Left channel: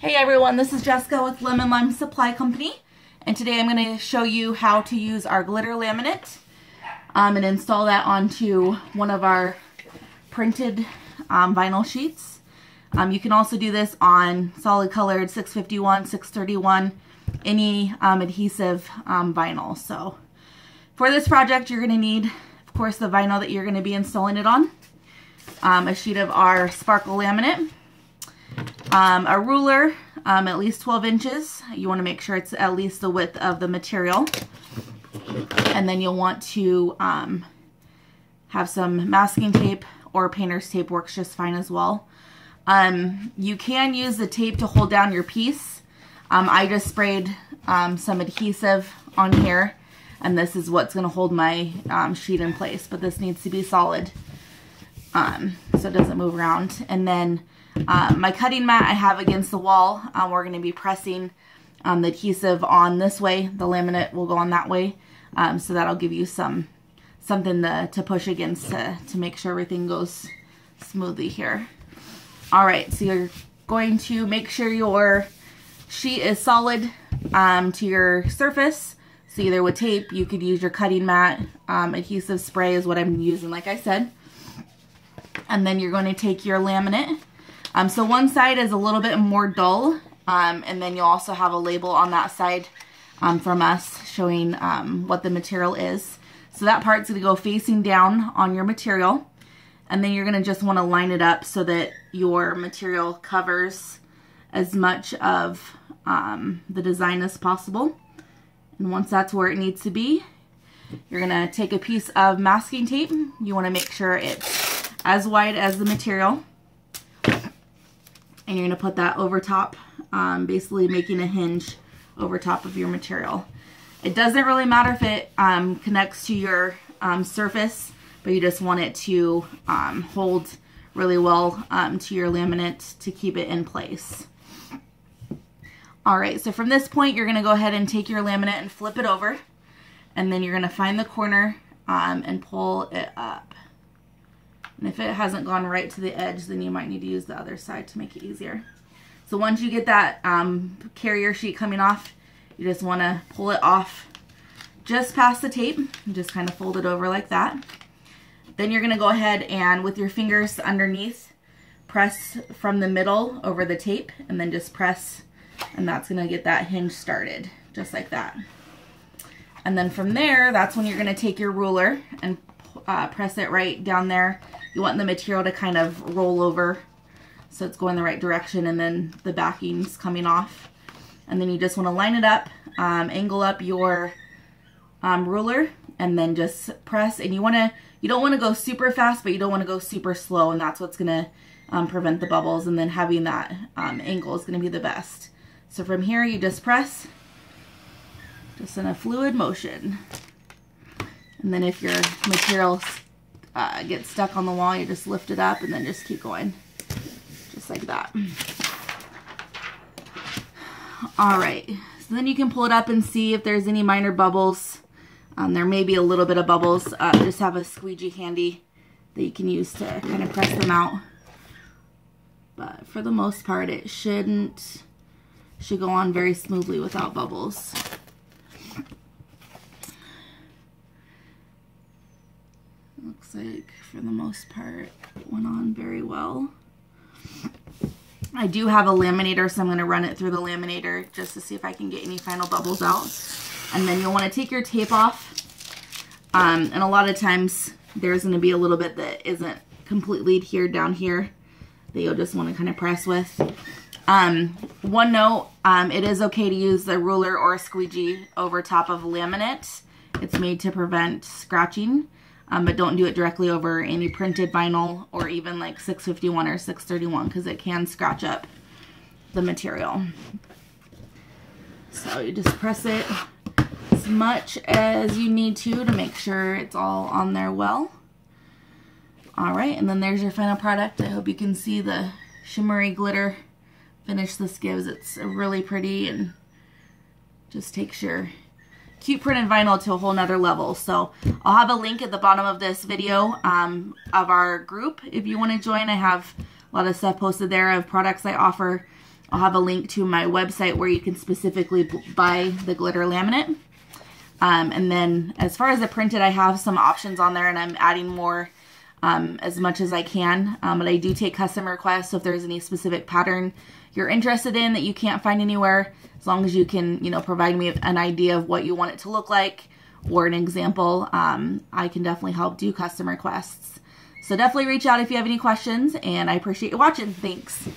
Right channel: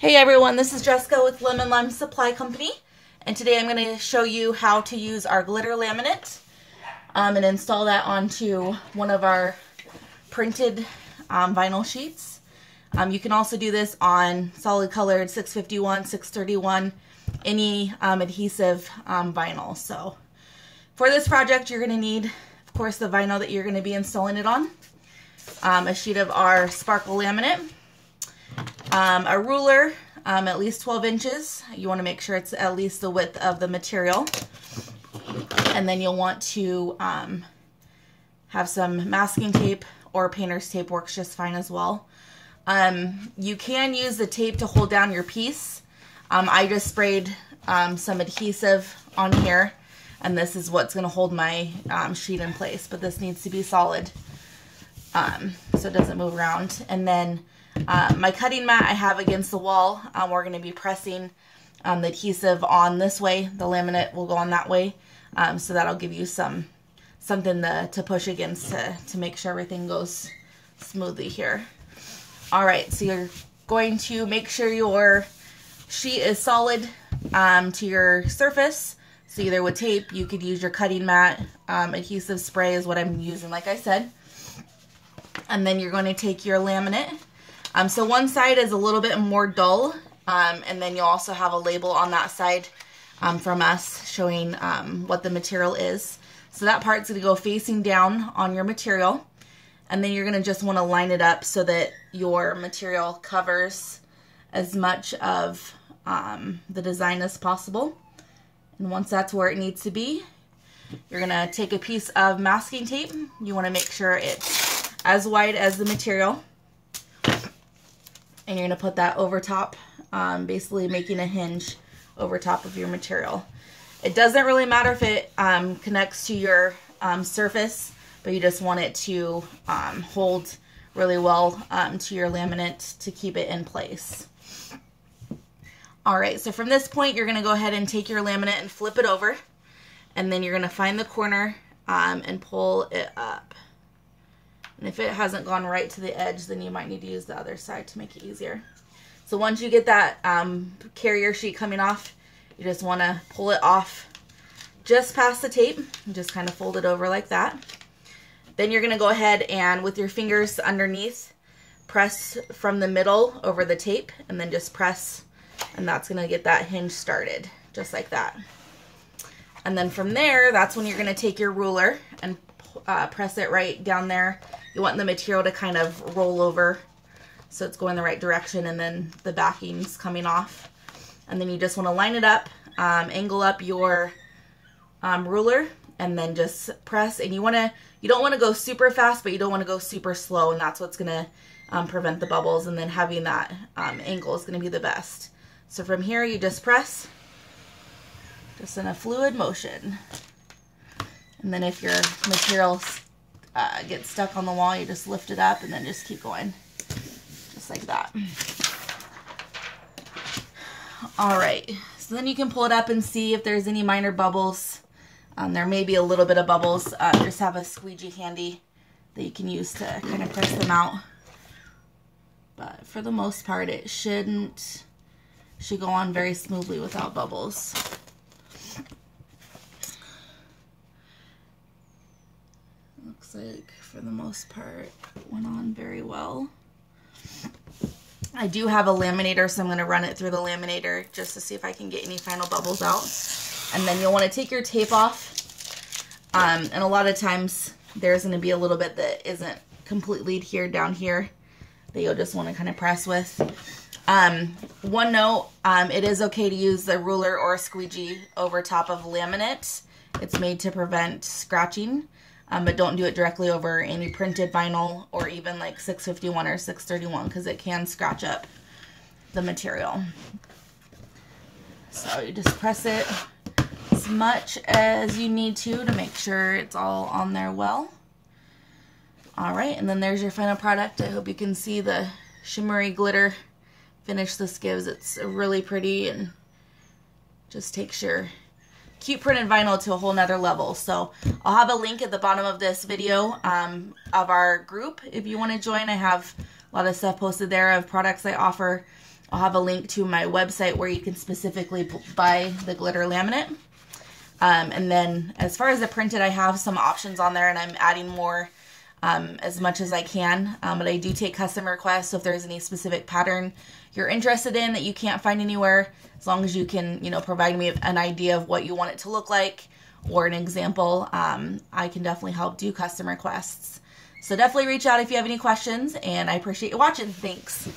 Hey everyone, this is Jessica with Lemon Lime Supply Company, and today I'm going to show you how to use our glitter laminate and install that onto one of our printed vinyl sheets. You can also do this on solid colored 651, 631, any adhesive vinyl. So for this project you're going to need, of course, the vinyl that you're going to be installing it on, a sheet of our sparkle laminate, a ruler, at least 12 inches. You want to make sure it's at least the width of the material. And then you'll want to have some masking tape, or painter's tape works just fine as well. You can use the tape to hold down your piece. I just sprayed some adhesive on here, and this is what's going to hold my sheet in place, but this needs to be solid so it doesn't move around. And then my cutting mat I have against the wall. We're going to be pressing the adhesive on this way. The laminate will go on that way. So that'll give you something to push against to make sure everything goes smoothly here. Alright, so you're going to make sure your sheet is solid to your surface. So either with tape, you could use your cutting mat. Adhesive spray is what I'm using, like I said. And then you're going to take your laminate. So one side is a little bit more dull, and then you'll also have a label on that side from us showing what the material is. So that part's going to go facing down on your material, and then you're going to just want to line it up so that your material covers as much of the design as possible. And once that's where it needs to be, you're going to take a piece of masking tape. You want to make sure it's as wide as the material. And you're going to put that over top, basically making a hinge over top of your material. It doesn't really matter if it connects to your surface, but you just want it to hold really well to your laminate to keep it in place. Alright, so from this point you're going to go ahead and take your laminate and flip it over, and then you're going to find the corner and pull it up. And if it hasn't gone right to the edge, then you might need to use the other side to make it easier. So once you get that carrier sheet coming off, you just want to pull it off just past the tape. You just kind of fold it over like that. Then you're going to go ahead and with your fingers underneath, press from the middle over the tape, and then just press, and that's going to get that hinge started, just like that. And then from there, that's when you're going to take your ruler and press it right down there. You want the material to kind of roll over so it's going the right direction, and then the backing's coming off. And then you just want to line it up, angle up your ruler, and then just press. And you don't want to go super fast, but you don't want to go super slow, and that's what's going to prevent the bubbles. And then having that angle is going to be the best. So from here, you just press, just in a fluid motion. And then if your material gets stuck on the wall, you just lift it up and then just keep going. Just like that. Alright, so then you can pull it up and see if there's any minor bubbles. There may be a little bit of bubbles. Just have a squeegee handy that you can use to kind of press them out. But for the most part, it should go on very smoothly without bubbles. Looks like for the most part it went on very well. I do have a laminator, so I'm going to run it through the laminator just to see if I can get any final bubbles out. And then you'll want to take your tape off. And a lot of times there's going to be a little bit that isn't completely adhered down here that you'll just want to kind of press with. One note, it is okay to use the ruler or a squeegee over top of laminate. It's made to prevent scratching. But don't do it directly over any printed vinyl or even like 651 or 631, because it can scratch up the material. So you just press it as much as you need to make sure it's all on there well. Alright, and then there's your final product. I hope you can see the shimmery glitter finish this gives. It's really pretty and just takes your cute printed vinyl to a whole nother level. So I'll have a link at the bottom of this video of our group if you want to join. I have a lot of stuff posted there of products I offer. I'll have a link to my website where you can specifically buy the glitter laminate. And then as far as the printed, I have some options on there, and I'm adding more as much as I can. But I do take customer requests, so if there's any specific pattern you're interested in that you can't find anywhere, as long as you can, you know, provide me an idea of what you want it to look like or an example, I can definitely help do custom requests. So definitely reach out if you have any questions, and I appreciate you watching. Thanks.